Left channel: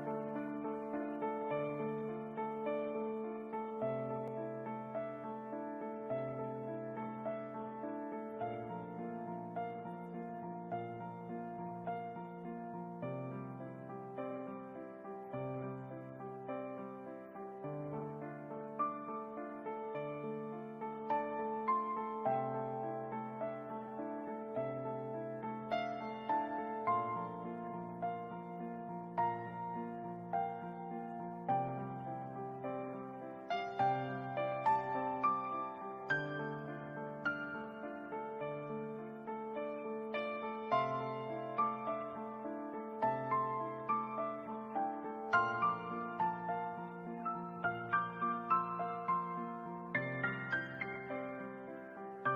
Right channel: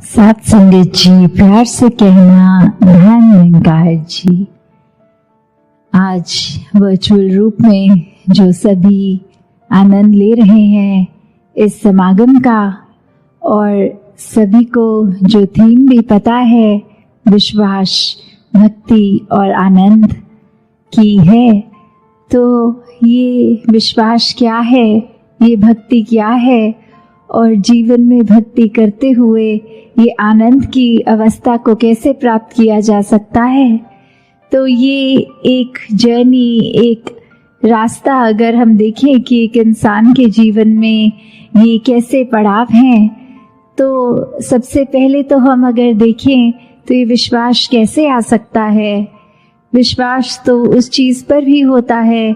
साथ संगत जी, प्यार से कहना ध्यान निरंकार जी। आज वर्चुअल रूप में जो सभी आनंद ले रहे हैं इस समागम का, और सभी को जो थीम भी पता है विश्वास, भक्ति और आनंद की है, तो ये विश्वास क्या है, ये भक्ति क्या है, और जीवन में भक्ति करते हुए ये आनंद की अवस्था को कैसे प्राप्त किया जा सकता है। तो ये एक जर्नी, एक रास्ता अगर हम देखें कि एक इंसान के जीवन में ये कैसे पड़ाव हैं, तो सबसे पहले तो हम अगर देखें तो ये विश्वास कैसे आ सकता है। विश्वास तो उस चीज़ पर भी होता है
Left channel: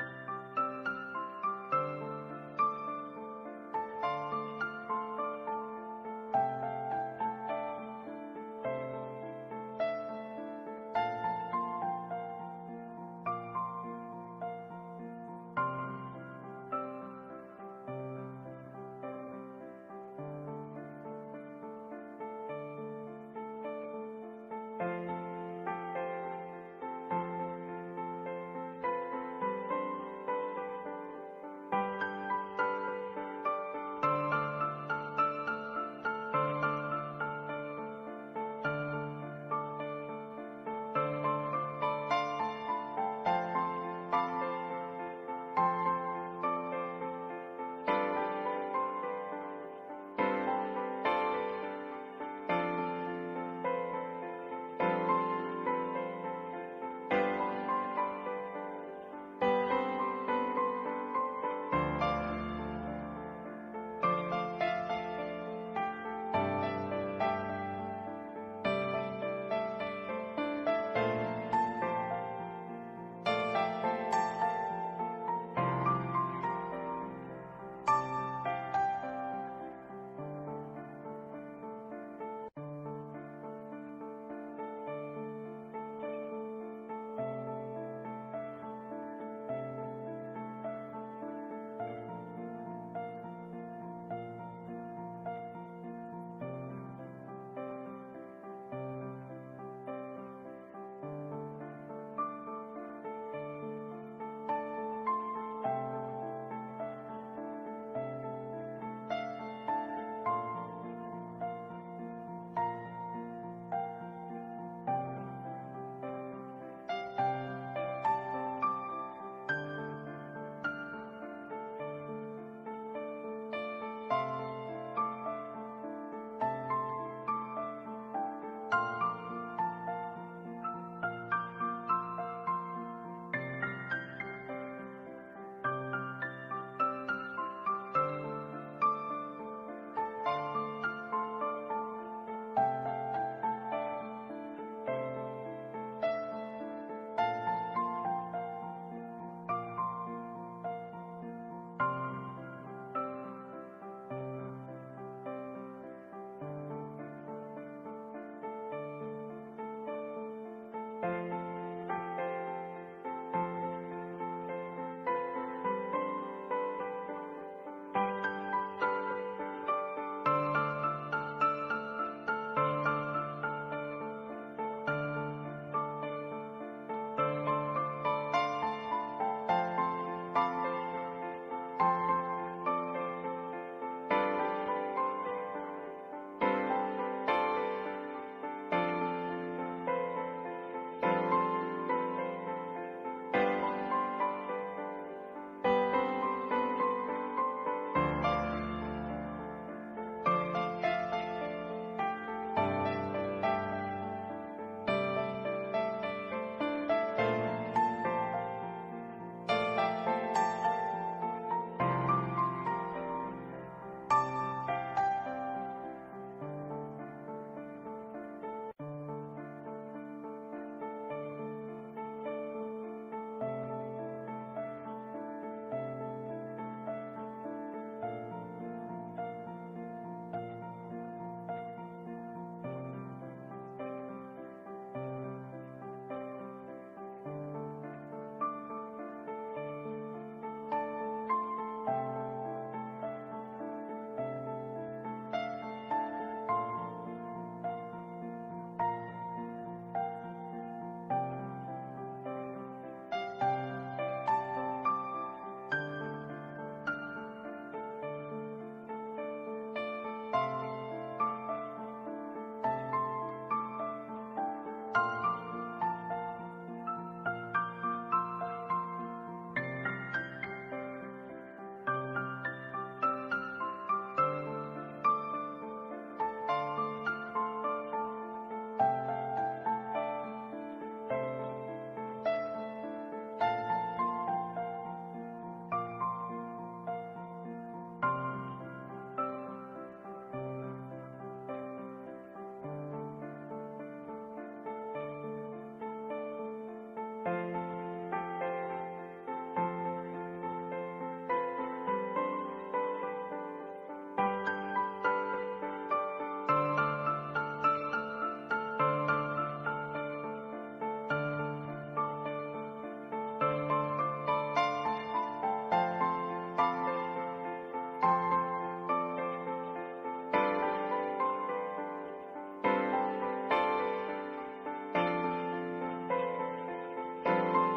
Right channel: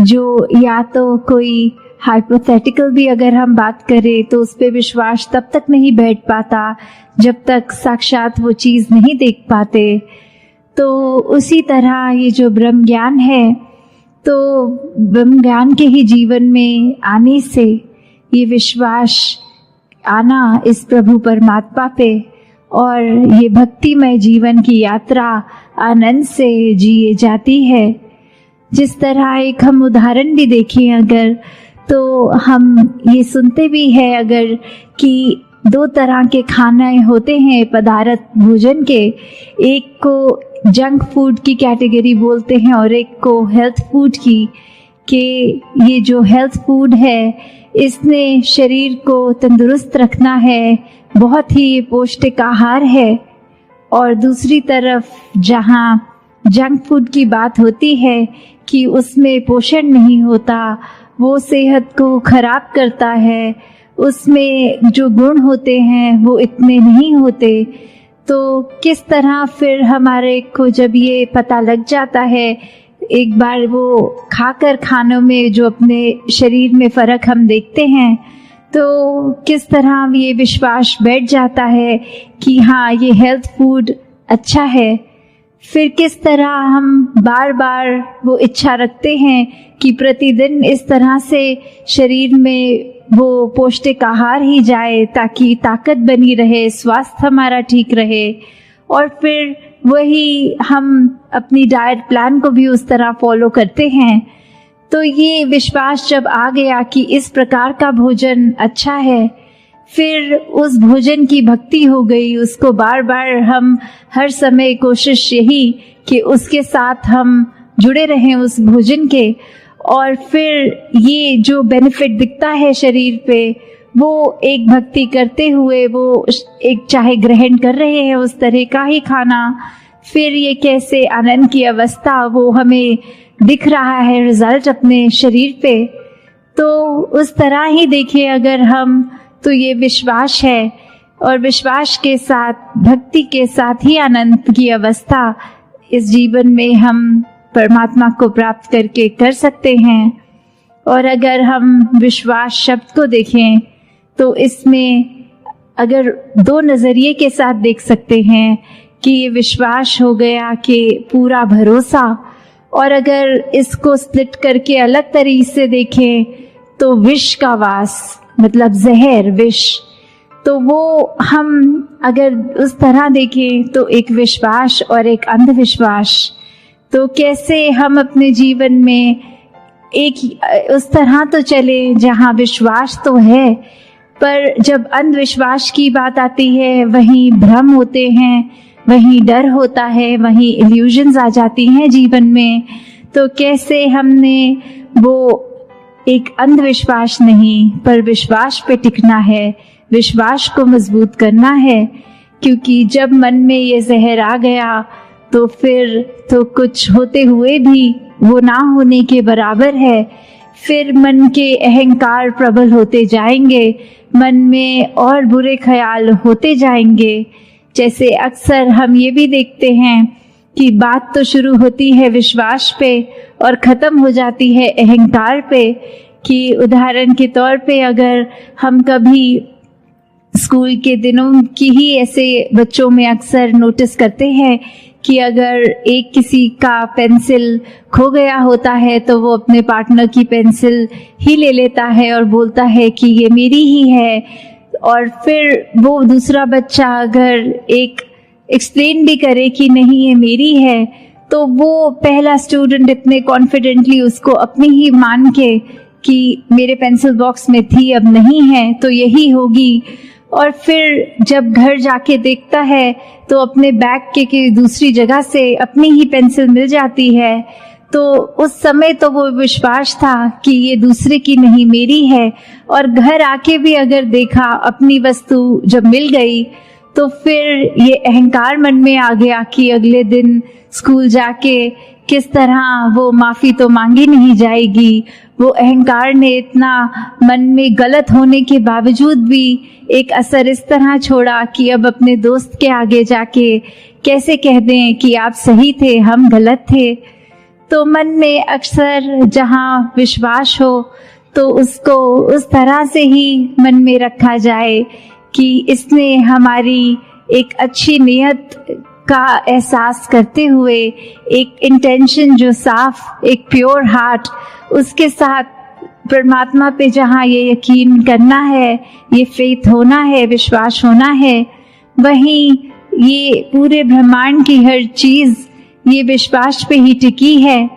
जो या तो कोई हाइपोथेटिकल भी अगर हम बात करें तो उस पर विश्वास तब तक नहीं बैठ पाता जब तक साक्षात वो चीज़ नहीं देख पाते। तो उसी तरह ये जो ब्रह्म ज्ञान है, तो ब्रह्म ज्ञान के ही जीवन में आने से ये विश्वास आना इस प्रभु परमात्मा पे, और ये भक्तिमय जीवन की यात्रा आनंद से जिए जाती है। जिस तरह एक हम उदाहरण भी देखें अगर, तो हम ये सुनते भी हैं अगर कि दो तरह के खाने होते हैं पदार्थ भोजन के, एक को जंक फूड की कैटेगरी बोलते हैं और एक को हेल्थ फूड की, कि ये जो हेल्थ फूड है इसने शरीर को तंदुरुस्त रखना है, बहुत ही पौष्टिक आहार है। और दूसरी तरफ जहाँ जंक फूड की बात होती है कि उसमें पोषण नहीं होता, वो सेहत को खराब करता है, उसमें जो गुण होते हैं वो इतने नहीं होते। तो किस तरह फिर हमारे को जब ये पता लग जाता है, एक बार वो खाकर खानों में जो अपने शरीर में फ़र्क हम देखते हैं, तो किस तरह ये विश्वास बैठ जाता है कि हाँ ये हेल्थ फूड अच्छा है। फिर किस तरह हम बार बार वो इच्छा रखते हैं कि प्रतिदिन इस तरह से शरीर में वो पौष्टिक आहार ही जाए ताकि ताकत बनी रहे, स्वास्थ्य हमारा ठीक रहे। और फिर वही हम अपनी डाइट प्लान को भी उस तरह फॉलो करते हैं। तो ये विश्वास जब आ गया कि इस प्रकार का भोजन अच्छा है, फिर उस भोजन की भक्ति हो गई, उसको बार बार हम हर समय कोशिश यही कि उसके साथ हम जुड़े रहें उस भोजन के। और फिर ये जो बेनिफिट दिखता है शरीर पे, वो एक भक्ति करते हुए वो एक चाहे ग्रहण कर रहे हैं उस तरह का ही खाना, फिर ये कैसे आनंद की अवस्था वो हमें दिख रहा है रिजल्ट अपने शरीर पे। तो उस तरह ही देखिए अगर हम, तो ये विश्वास है, और विश्वास के साथ भक्ति के साथ ही आनंद की अवस्था इस जीवन में हम परमात्मा को प्राप्त करके कर सकते हैं। और अगर हम विश्वास शब्द को देखें तो इसमें अगर दो नज़रिए के साथ देख सकते हैं कि ये विश्वास हो गया कि पूरा भरोसा, और अगर इसको स्प्लिट करके अलग तरीके से देखें तो विष का वास, मतलब जहर, विष। तो वो हम अगर उस तरह देखें तो एक विश्वास और एक अंधविश्वास। तो कैसे हम अपने जीवन में एक उस तरह तो चले जहाँ विश्वास तो है, पर जब अंधविश्वास की बात आती है वहीं भ्रम होते हैं, वहीं डर होता है, वहीं इल्यूजन्स आ जाती हैं जीवन में। तो कैसे हमने वो एक अंधविश्वास नहीं पर विश्वास पे टिकना है, विश्वास को मजबूत करना है। क्योंकि जब मन में ये जहर आ गया तो फिर तो कुछ होते हुए भी वो ना होने के बराबर है। फिर मन के अहंकार प्रबल होते जाएंगे, मन में और बुरे ख्याल होते जाएंगे। जैसे अक्सर हम ये भी देखते हैं कि बात तो शुरू होती है विश्वास पे और ख़त्म हो जाती है अहंकार पे। कि उदाहरण के तौर पे अगर हम कभी स्कूल के दिनों की ही ऐसे बच्चों में अक्सर नोटिस करते हैं कि अगर एक किसी का पेंसिल खो गया होता है तो वो अपने पार्टनर की पेंसिल ही ले लेता है और बोलता है कि ये मेरी ही है, और फिर वो दूसरा बच्चा अगर एक एक्सप्लेन भी करे कि नहीं ये मेरी है, तो वो पहला स्टूडेंट इतने कॉन्फिडेंटली उसको अपनी ही मान के कि मेरे पेंसिल बॉक्स में थी अब नहीं है तो यही होगी, और फिर जब घर जाके देखता है तो अपने बैग के दूसरी जगह से अपनी ही पेंसिल मिल जाती है, तो उस समय तो वो विश्वास था कि ये दूसरे की नहीं मेरी है, और घर आके भी अगर देखा अपनी वस्तु जब मिल गई तो फिर ये अहंकार मन में आ गया कि अगले दिन स्कूल जाके किस तरह वो माफ़ी तो मांगी नहीं जाएगी। वो अहंकार ने इतना मन में गलत होने के बावजूद भी एक असर इस तरह छोड़ा कि अब अपने दोस्त के आगे जाके कैसे कह दें कि आप सही थे हम गलत थे। तो मन में अक्सर जहाँ विश्वास हो तो उसको उस तरह से ही मन में रखा जाए कि इसने हमारी एक अच्छी नियत का एहसास करते हुए एक इंटेंशन जो साफ, एक प्योर हार्ट, उसके साथ परमात्मा पे जहाँ ये यकीन करना है, ये फेथ होना है, विश्वास होना है, वहीं ये पूरे ब्रह्मांड की हर चीज़ ये विश्वास पे ही टिकी है।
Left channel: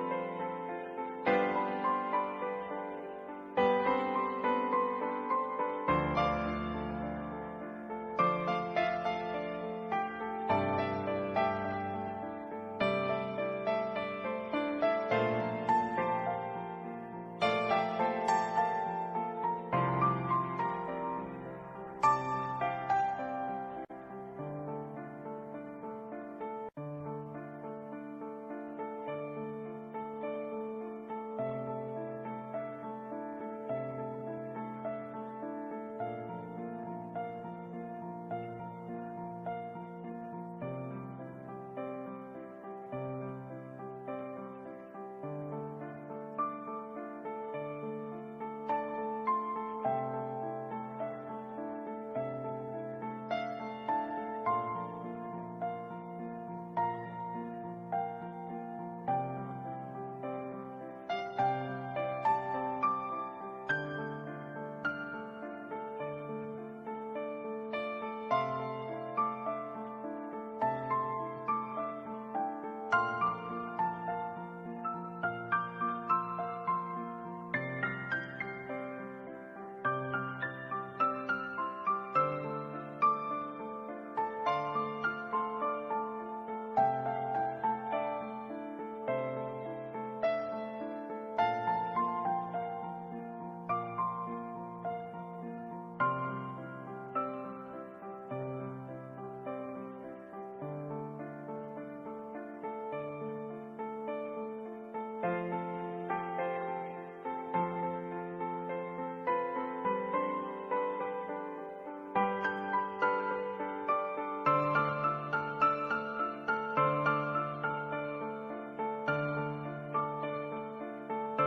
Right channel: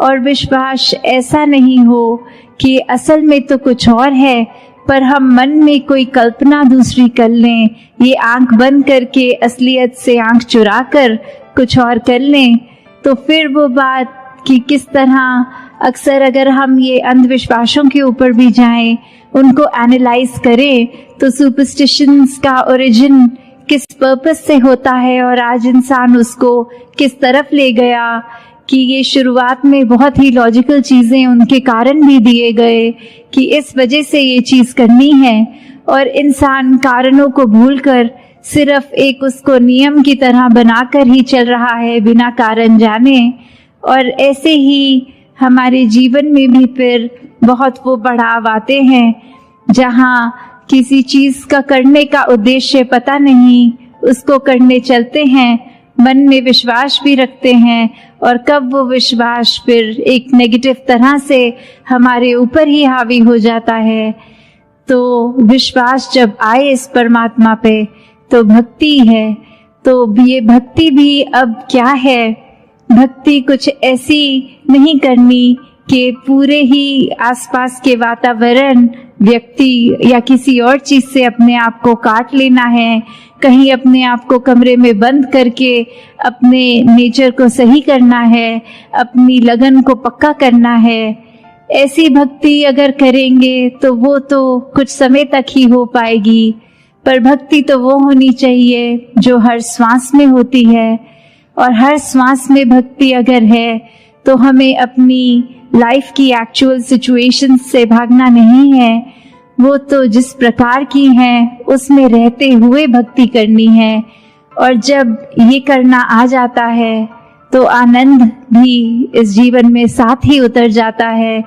और विश्वास ऐसा नहीं हो कि असल में तो कुछ और है पर हम मन में कोई कल्पना दूसरी कर लें, ये आंख बंद करके असलियत से आंख चुरा कर कुछ और कर लें। तो फिर वो बात कि किस तरह अक्सर अगर हम ये अंधविश्वासों के ऊपर भी जाएं, उनको एनालाइज करें, तो सुपरस्टिशंस का ओरिजिन किस पर्पस से होता है और आज इंसान उसको किस तरफ ले गया, कि ये शुरुआत में बहुत ही लॉजिकल चीज़ें उनके कारण भी दिए गए कि इस वजह से ये चीज़ करनी है, और इंसान कारणों को भूलकर सिर्फ एक उसको नियम की तरह बनाकर ही चल रहा है बिना कारण जाने। और ऐसे ही हमारे जीवन में भी फिर बहुत वो पड़ाव आते हैं जहाँ किसी चीज़ का करने का उद्देश्य पता नहीं, उसको करने चलते हैं, मन में विश्वास भी रखते हैं, और कब वो विश्वास फिर एक नेगेटिव तरह से हमारे ऊपर ही हावी हो जाता है। तो विश्वास जब आए इस परमात्मा पे तो भक्ति है। तो ये भक्ति भी अब क्या है, भक्ति कुछ ऐसी नहीं करनी कि पूरे ही आसपास के वातावरण, व्यक्ति या किसी और चीज़ से अपने आप को काट लेना है, कहीं अपने आप को कमरे में बंद करके अपने नेचर को सही करना है, अपनी लगन को पक्का करना है। ऐसी भक्ति अगर करेंगे तो वो तो कुछ समय तक ही हो पाएगी, पर भक्ति तो वो होनी चाहिए जो हर श्वास में होती है। और हर श्वास में भक्ति अगर है तो हमें अपनी लाइफ की एक्चुअल सिचुएशन से भागना नहीं है, वो तो जिस प्रकार की हैं उसमें रहते हुए भक्ति करनी है। और जब ये करना आ जाता है तो आनंद भी इस जीवन में साथ ही उतर जाता है।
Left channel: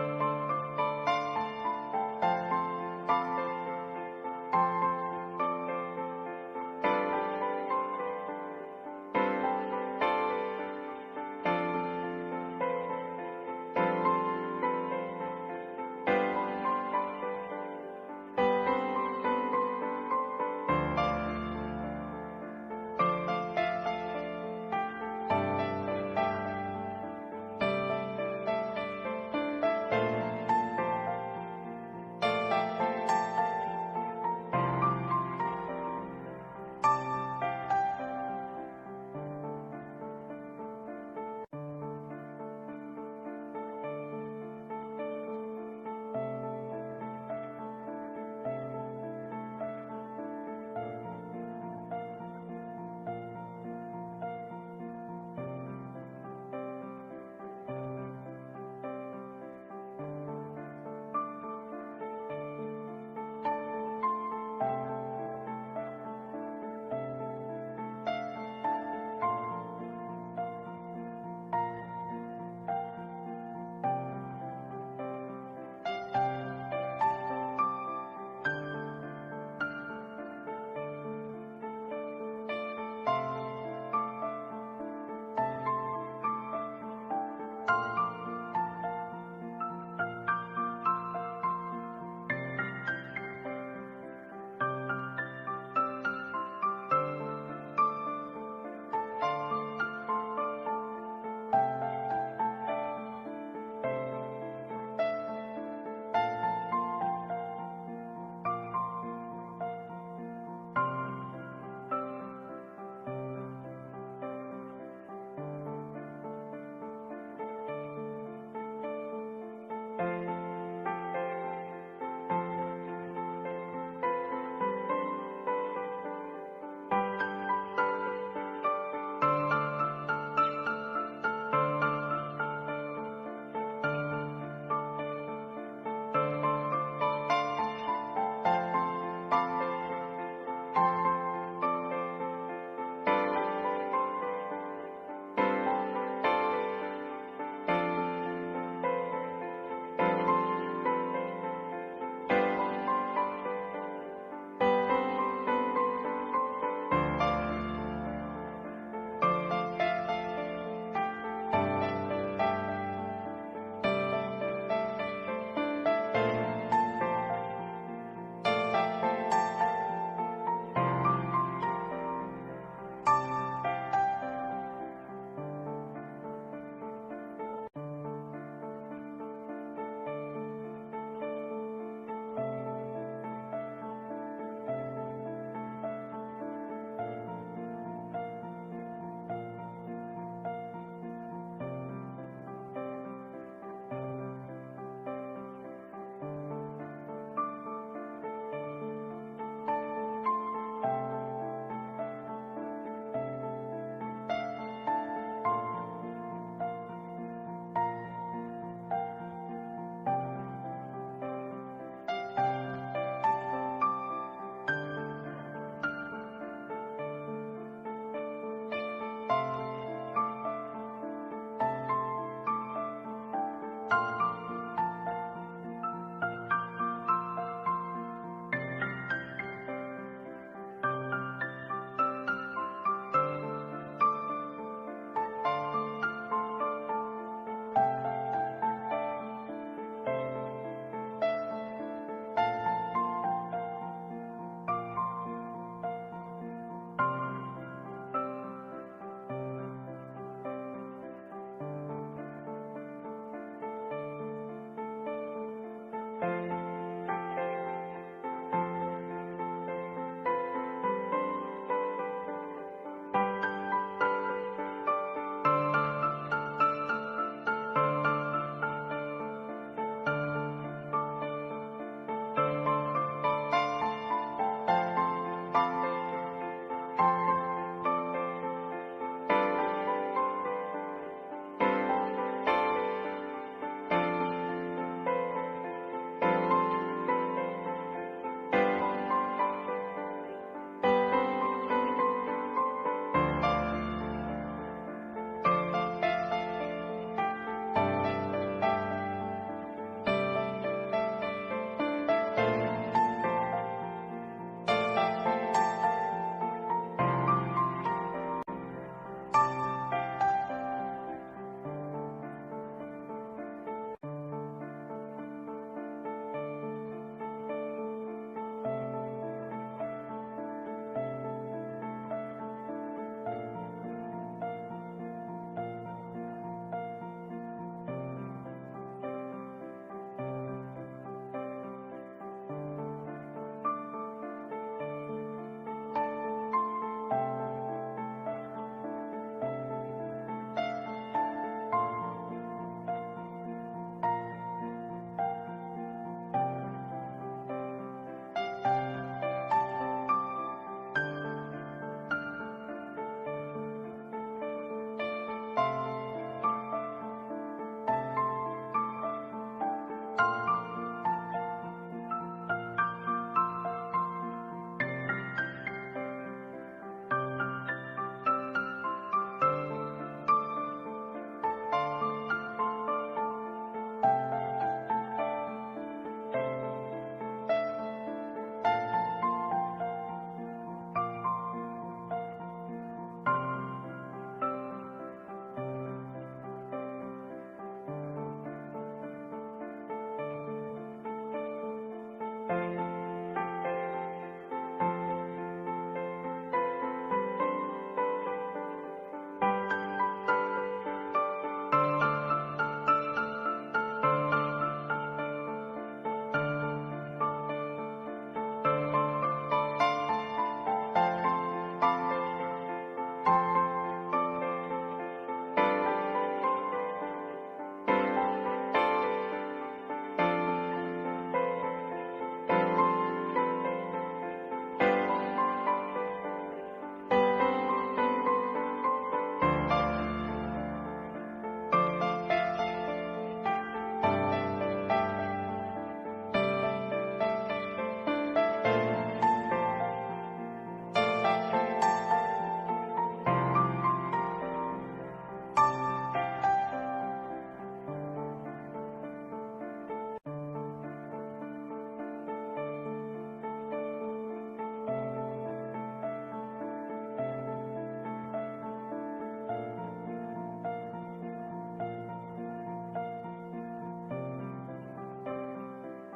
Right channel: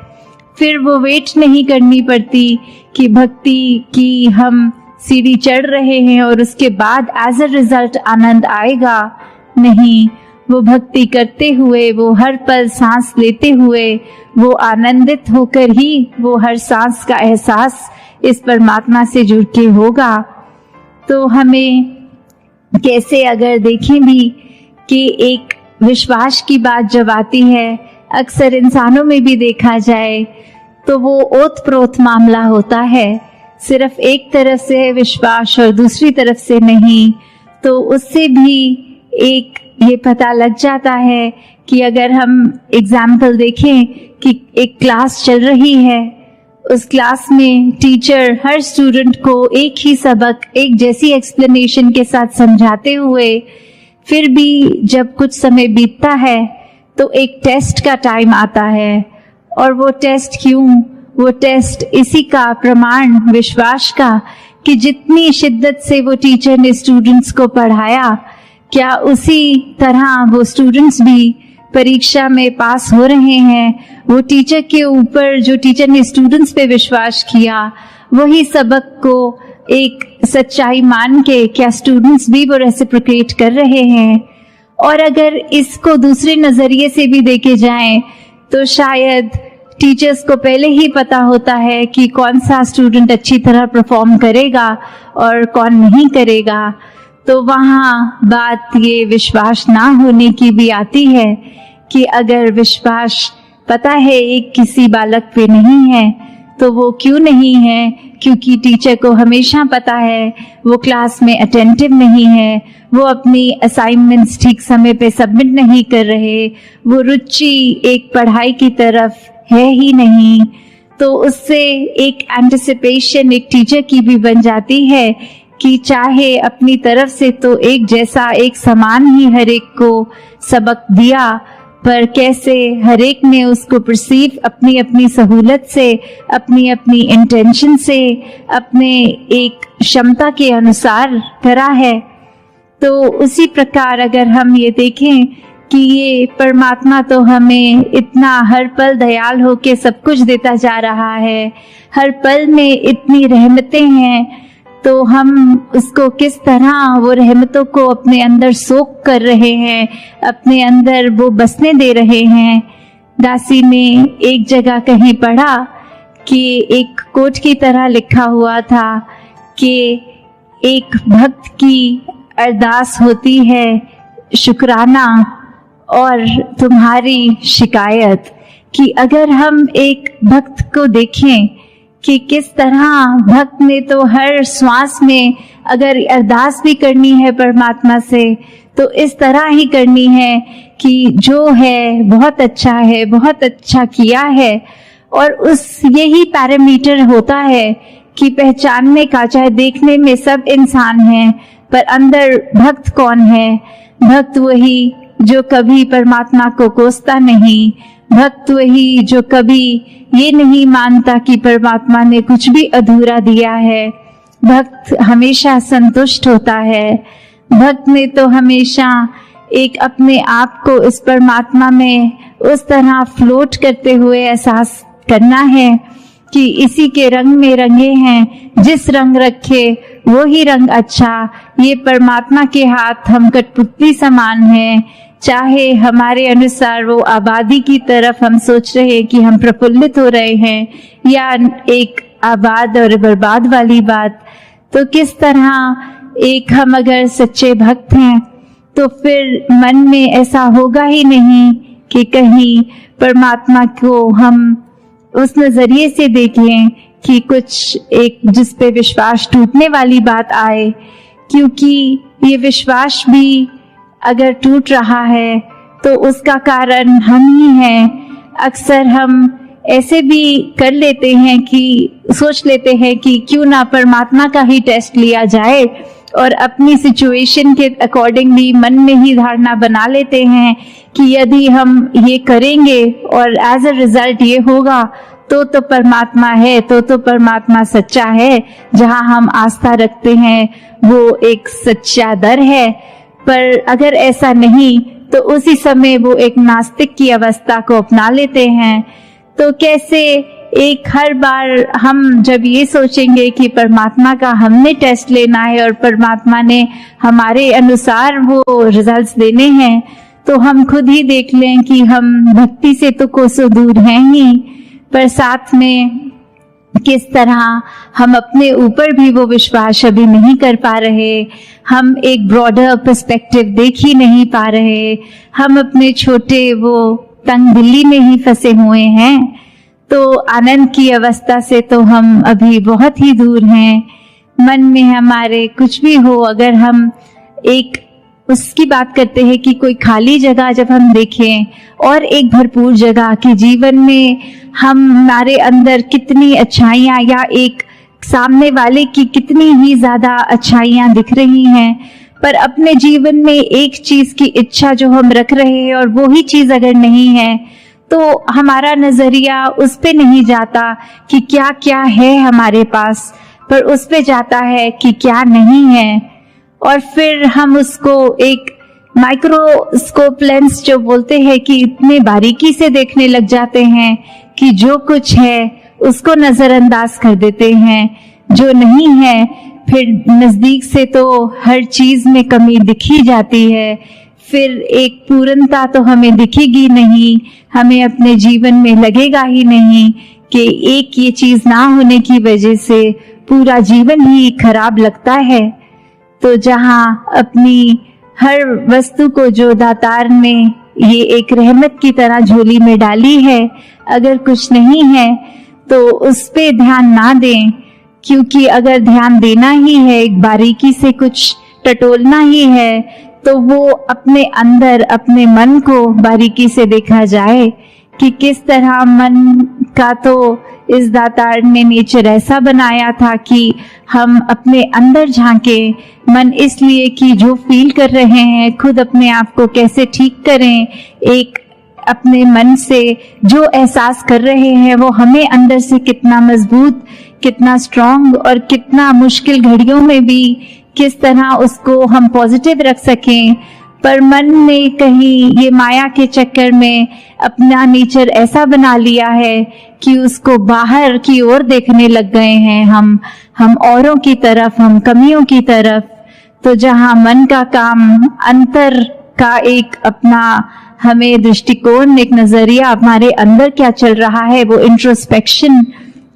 फिर वो वेट नहीं करनी पड़ती कि भक्ति की हम सीढ़ी चढ़ रहे हैं और उसके बाद एज अ रिजल्ट आनंद आएगा। नहीं, वो भक्ति करते हुए, वो हर पल सांस लेते हुए, वो आनंदित होकर ही वो हर सांस का एहसास इस परमात्मा से जुड़ के होगा। तो हमें कैसे अगर देखें भी कि एक विश्वास की बात जब आती है, अक्सर इंसानों में भी देखा जाए तो वो ओत प्रोत मामला होता है, सिर्फ एक तरफ से है विश्वास और दूसरी तरफ से नहीं। तो उससे भी एक ये पता लग जाता है कि अगर हम एग्जाम्पल देखें कि एक क्लास चल रही है, उस क्लास में टीचर हर स्टूडेंट को एक ही सबक एक जैसी एक्सप्लेनेशन के साथ समझाते हुए फिर भी जब कुछ समय बीतता है तो एक टेस्ट का टाइम आता है। और वो टेस्ट क्यों? वो टेस्ट इसी का प्रमाण विश्वास का कि जितनी शिद्दत से वो टीचर ने स्टूडेंट्स को पढ़ाया, क्या उसी तरह वो स्टूडेंट्स भी परीक्षा में पास हो रहे हैं। वो टीचर के ऊपर जो टीचर ने स्टूडेंट्स पे विश्वास किया, वही सबक को एक सच्चाई मान के क्या स्टूडेंट्स भी वो रेसिप्रोकेट कर रहे हैं। और अगर इसको दूसरे नज़रिए से भी देखे जाएं तो शायद टीचर्स को पहले ही पता होता है कि कौन सा स्टूडेंट अच्छी तरह परफॉर्म करेगा और कौन नहीं करेगा। तो वहाँ बात ये विश्वास ना होने की भी आती है कि अगर विश्वास पता है एक किसी बालक पे नहीं है तो वो क्यों नहीं है, क्योंकि टीचर को हमेशा पता है वो क्लास में अटेंटिव नहीं है, वो अपनी असाइनमेंट्स ठीक समय पे सबमिट नहीं कर रहे, वो रुचि एक पढ़ाई की तरफ है ही नहीं। तो उससे एक एंटिसिपेशन एक टीचर की भी बन जाती है कि चाहे अपनी तरफ से तो एक जैसा एक समान ही हर एक को सबक दिया, पर कैसे हर एक ने उसको परसीव अपनी अपनी सहूलत से, अपनी अपनी इंटेंशन से, अपने एक क्षमता के अनुसार करा है। तो उसी प्रकार अगर हम ये देखें कि ये परमात्मा तो हमें इतना हर पल दयाल होके सब कुछ देता जा रहा है, हर पल में इतनी रहमतें हैं, तो हम उसको किस तरह वो रहमतों को अपने अंदर सोख कर रहे हैं, अपने अंदर वो बसने दे रहे हैं। दासी ने एक जगह कहीं पढ़ा कि एक कोट की तरह लिखा हुआ था कि एक भक्त की अरदास होती है शुक्राना और तुम्हारी शिकायत, कि अगर हम एक भक्त को देखें कि किस तरह भक्त ने तो हर श्वास में अगर अरदास भी करनी है परमात्मा से तो इस तरह ही करनी है कि जो है बहुत अच्छा है, बहुत अच्छा किया है। और उस यही पैरामीटर होता है कि पहचानने का, चाहे देखने में सब इंसान हैं पर अंदर भक्त कौन है। भक्त वही जो कभी परमात्मा को कोसता नहीं, भक्त वही जो कभी ये नहीं मानता कि परमात्मा ने कुछ भी अधूरा दिया है। भक्त हमेशा संतुष्ट होता है। भक्त ने तो हमेशा एक अपने आप को इस परमात्मा में उस तरह फ्लोट करते हुए एहसास करना है कि इसी के रंग में रंगे हैं, जिस रंग रखे वो ही रंग अच्छा। ये परमात्मा के हाथ हम कठपुतली समान हैं, चाहे हमारे अनुसार वो आबादी की तरफ हम सोच रहे हैं कि हम प्रफुल्लित हो रहे हैं या एक आबाद और बर्बाद वाली बात। तो किस तरह एक हम अगर सच्चे भक्त हैं तो फिर मन में ऐसा होगा ही नहीं कि कहीं परमात्मा को हम उस नजरिए से देखें कि कुछ एक जिस पे विश्वास टूटने वाली बात आए, क्योंकि ये विश्वास भी अगर टूट रहा है तो उसका कारण हम ही हैं। अक्सर हम ऐसे भी कर लेते हैं कि सोच लेते हैं कि क्यों ना परमात्मा का ही टेस्ट लिया जाए और अपनी सिचुएशन के अकॉर्डिंगली मन में ही धारणा बना लेते हैं कि यदि हम ये करेंगे और एज अ रिजल्ट ये होगा तो परमात्मा है, तो परमात्मा सच्चा है। जहाँ हम आस्था रखते हैं वो एक सच्चा दर है। पर अगर ऐसा नहीं तो उसी समय वो एक नास्तिक की अवस्था को अपना लेते हैं। तो कैसे एक हर बार हम जब ये सोचेंगे कि परमात्मा का हमने टेस्ट लेना है और परमात्मा ने हमारे अनुसार वो रिजल्ट्स देने हैं, तो हम खुद ही देख लें कि हम भक्ति से तो कोसों दूर हैं ही, पर साथ में किस तरह हम अपने ऊपर भी वो विश्वास अभी नहीं कर पा रहे। हम एक ब्रॉडर पर्सपेक्टिव देख ही नहीं पा रहे। हम अपने छोटे वो तंग दिल्ली में ही फंसे हुए हैं। तो आनंद की अवस्था से तो हम अभी बहुत ही दूर हैं। मन में हमारे कुछ भी हो, अगर हम एक उसकी बात करते हैं कि कोई खाली जगह जब हम देखें और एक भरपूर जगह कि जीवन में हमारे अंदर कितनी अच्छाइयाँ या एक सामने वाले की कितनी ही ज्यादा अच्छाइयाँ दिख रही हैं, पर अपने जीवन में एक चीज की इच्छा जो हम रख रहे हैं और वो ही चीज अगर नहीं है तो हमारा नजरिया उस पे नहीं जाता कि क्या क्या है हमारे पास, पर उस पे जाता है कि क्या नहीं है। और फिर हम उसको एक माइक्रोस्कोप लेंस जो बोलते हैं कि इतने बारीकी से देखने लग जाते हैं कि जो कुछ है उसको नजरअंदाज कर देते हैं, जो नहीं है फिर नजदीक से तो हर चीज में कमी दिखी जाती है। फिर एक पूर्णता तो हमें दिखेगी नहीं, हमें अपने जीवन में लगेगा ही नहीं कि एक ये चीज ना होने की वजह से पूरा जीवन ही खराब लगता है। तो जहाँ अपनी हर वस्तु को जो दातार ने ये एक रहमत की तरह झोली में डाली है, अगर कुछ नहीं है तो उस पे ध्यान ना दें, क्योंकि अगर ध्यान देना ही है, एक बारीकी से कुछ टटोलना ही है, तो वो अपने अंदर अपने मन को बारीकी से देखा जाए कि किस तरह मन का तो इस दातार ने नेचर ऐसा बनाया था कि हम अपने अंदर झांके। मन इसलिए कि जो फील कर रहे हैं खुद अपने आप को कैसे ठीक करें, एक अपने मन से जो एहसास कर रहे हैं वो हमें अंदर से कितना मजबूत, कितना स्ट्रॉन्ग और कितना मुश्किल घड़ियों में भी किस तरह उसको हम पॉजिटिव रख सकें। पर मन ने कहीं ये माया के चक्कर में अपना नेचर ऐसा बना लिया है कि उसको बाहर की ओर देखने लग गए हैं हम औरों की तरफ, हम कमियों की तरफ। तो जहाँ मन का काम अंतर का एक अपना हमें दृष्टिकोण, एक नजरिया, हमारे अंदर क्या चल रहा है वो इंट्रोस्पेक्शन,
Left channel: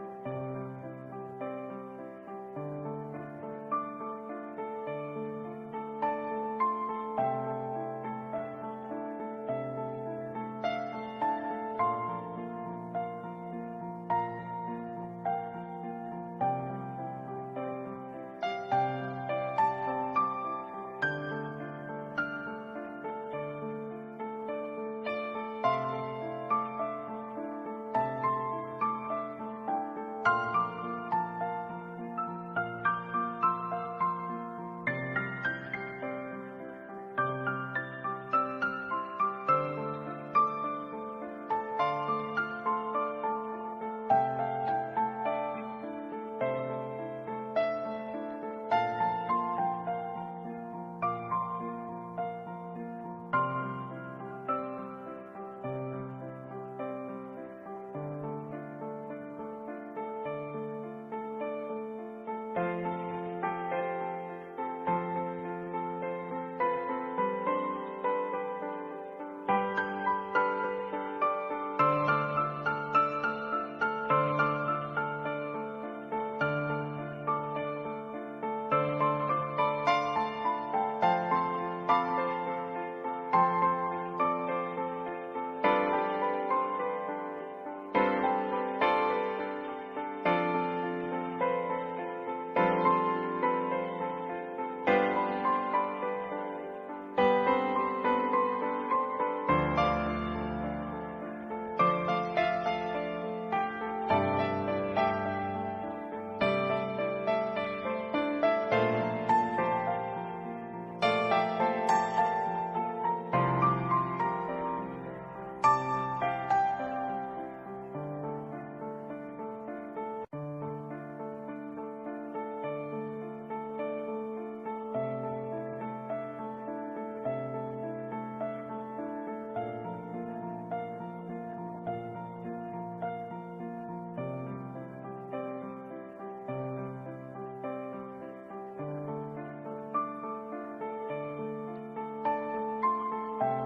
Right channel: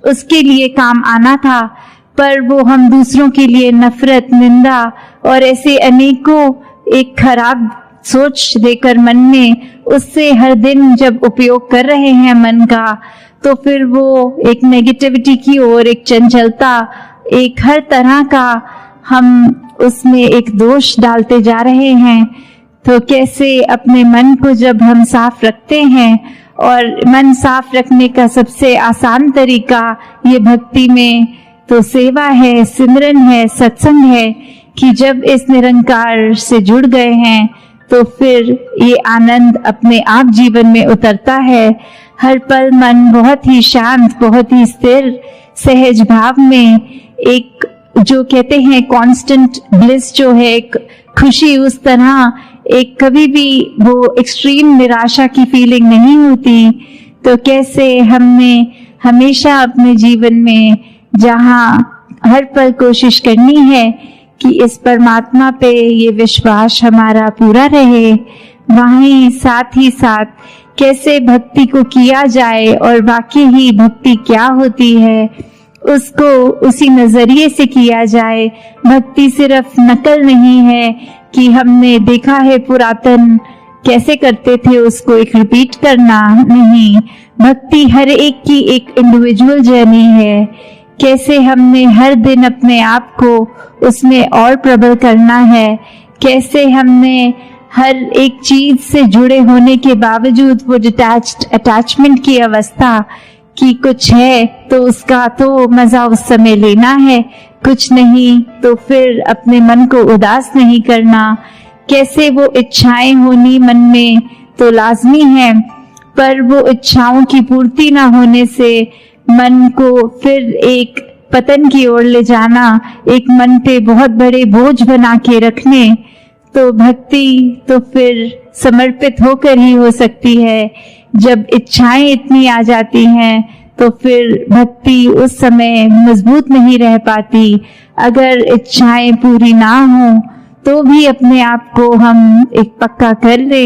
उसके लिए काम आना था, पर वो हम दूसरों के लिए नफरत, निंदा और ऐसे अनेकों एक खराब सोच देकर मन में उससे हर दिन जब उपयोग कर रहे हैं मन का, तो फिर वो एक नेगेटिविटी की ओर, एक चंचलता, एक हर तरह का हम उसमें एक दोष डालते जा रहे हैं। तो कैसे अपने मन को जब हम साफ रखते हैं, और मन साफ रखने का सबसे आसान तरीका ये भक्ति में तो सेवा है, सिमरन है, सत्संग है, कि जब इस निरंकार से जुड़ गए हैं तो फिर ये आनंद अपने आप जीवन में उतरता है। हर पल मन बहुत ही शांत, बहुत ही स्थिर, सहज भाव में एक जो कहते हैं कांस्टेंट ब्लिस जो है, एक खुशी, उस तरह एक कभी भी वो एक्सट्रीम निराशा की फीलिंग नहीं होती। तो कैसे हमने हमेशा अपने जीवन में जहाँ हर पल कोशिश करनी है कि इस परमात्मा पे ये विश्वास हमारा पूरा रहे, वहीं साथ ही साथ कैसे भक्ति को किया जाए और वाकई ही भक्ति क्या होती है उसको उसी नजरिए से किया जाए। भक्ति सिर्फ नकल नहीं है कि हमने देखा है पुरातन कैसे करते थे उसको एक रिपीट करना, नहीं। भक्ति हर एक की एक इंडिविजुअल जर्नी है, कैसे हमने हर दिन अपने आप को उसमें और प्रबल करना है, कैसे हमने हर एक चीज से जुड़े होने के बावजूद वो डिटैच्ड अटैचमेंट की अवस्था कि कुछ है तो उसका तो मजा उस समय लेना है, कुछ नहीं तो फिर अपने मन को उदास नहीं करना। कैसे वो इच्छाएं होनी मन में तो लाजमी है, पर वो इच्छाओं की पूर्ति ना होने से मन को फिर एक पतन की ओर ले जाना, एक मन पे बहुत बड़े बोझ बना के रखने। तो भक्ति तो फिर समर्पित होकर ही हो सकती है। जब इच्छाएं इतनी आ जाती हैं तो फिर भक्ति उस समय मजबूत नहीं रह पाती। अगर इच्छाएं पूरी ना हो तो भी अपने आप को हम एक पक्का कर ले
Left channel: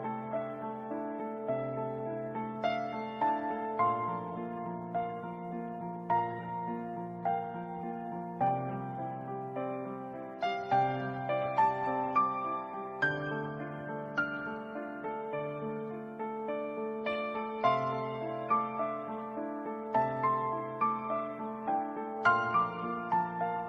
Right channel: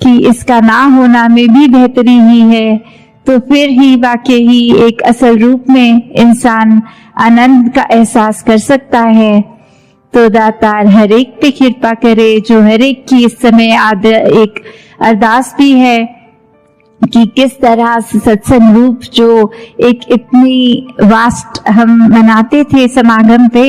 कि इसका ना होना में भी बेहतरी ही है, तो फिर ही वाकई ही एक असल रूप में इंसान आनंद का एहसास कर सकता है। तो दातार हर एक पे कृपा करे, जो हर एक की इस समय एक अरदास भी है कि किस तरह से सत्संग रूप जो एक इतनी वास्ट हम मनाते थे समागम पे,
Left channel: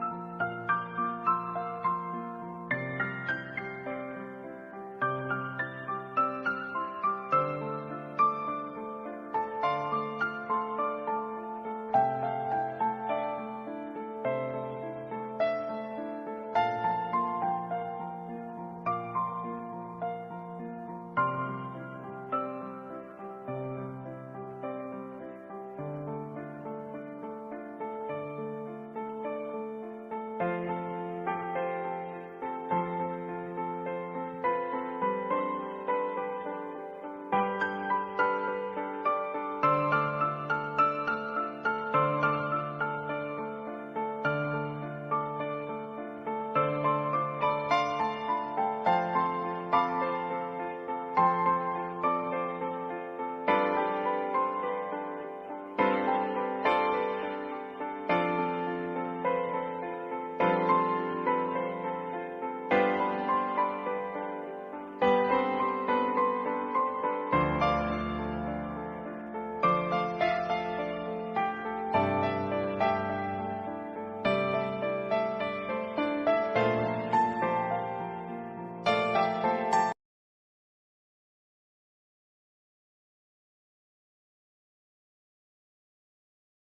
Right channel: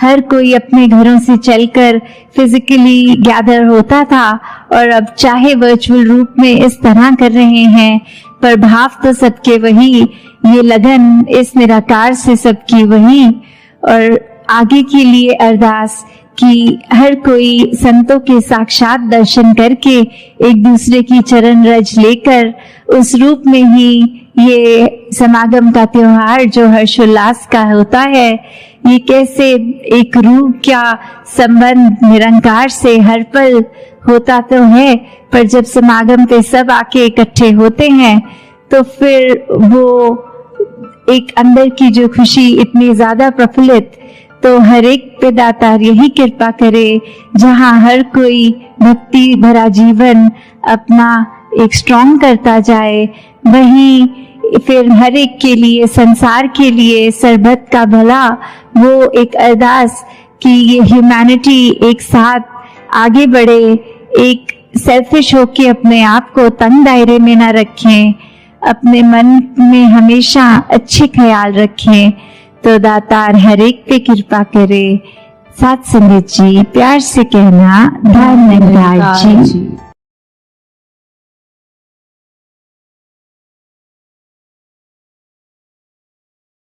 हर कोई अपने घरों से चलकर फिजिकली गैदर होता था, और अब चाहे वर्चुअल रूप में इस तरह कर रहे हैं, पर भाव तो सबके वही, ये लगन इस निराकार से सबकी वही। और आगे के लिए अरदास कि हर कोई संतों के साक्षात दर्शन करके एक दूसरे की चरण रज लेकर उस रूप में ही ये समागम का त्योहार जो हर्षोल्लास का होता है, ये कैसे एक रूह का संबंध निरंकार से हर पल होता तो है, पर जब समागम पे सब आके इकट्ठे होते हैं तो फिर वो एक अंदर की जो खुशी इतनी ज्यादा प्रफुल्लित, तो हर एक पे दातार यही कृपा करे, जहाँ हर कोई भक्ति भरा जीवन अपना एक स्ट्रॉन्ग करता जाए, वही फिर हर एक के लिए, संसार के लिए, सर्वत का भला, वो एक अरदास कि ये ह्यूमैनिटी एक साथ आगे बढ़े, एक सेल्फिश होके अपने आप को तंग दायरे में ना रखें, अपने मन में हमेशा अच्छे ख्याल रखें। तो दातार हर एक पे कृपा करे। साथ संगत जी, प्यार से कहना, धन निरंकार जी।